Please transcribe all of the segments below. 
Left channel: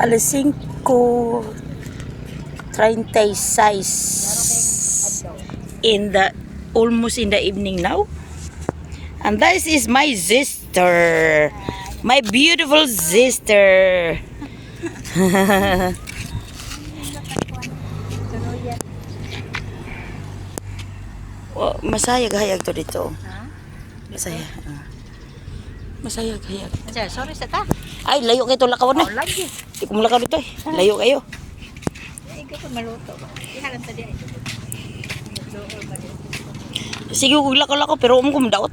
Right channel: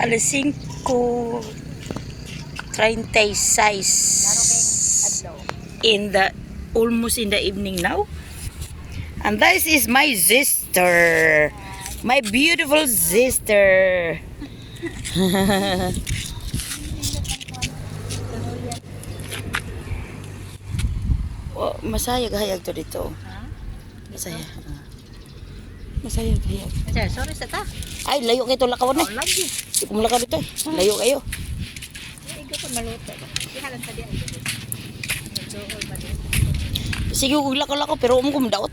Alas 5:36 in the almost in the evening now. And this is my sister. My beautiful sister. Oh, masayag-hayag to dito. Masaya. Masayag-hayag. Sorry sa ta. Ay, layo kayo ito lakaw na. Lagi. Hindi ko malakaw dito eh. Layo kayo. Ikaw pa maluto. Ihalan ta diyan. Sige, kung lakaw-lakaw pero ko madaot.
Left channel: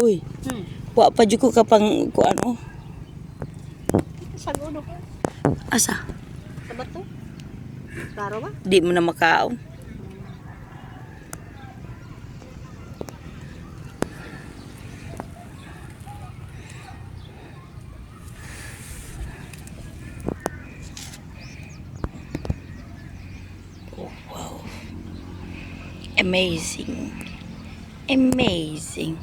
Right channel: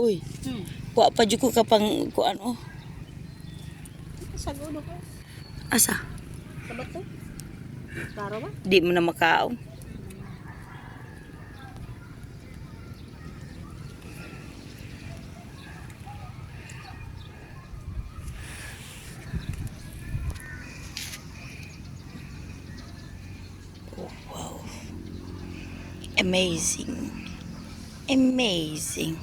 Uy. Wa pa jud ko kapang ko ano. Saguno ko. Asa? Sa bato. Klaro ba? Di mo na makaon. Wow. Amazing. Amazing.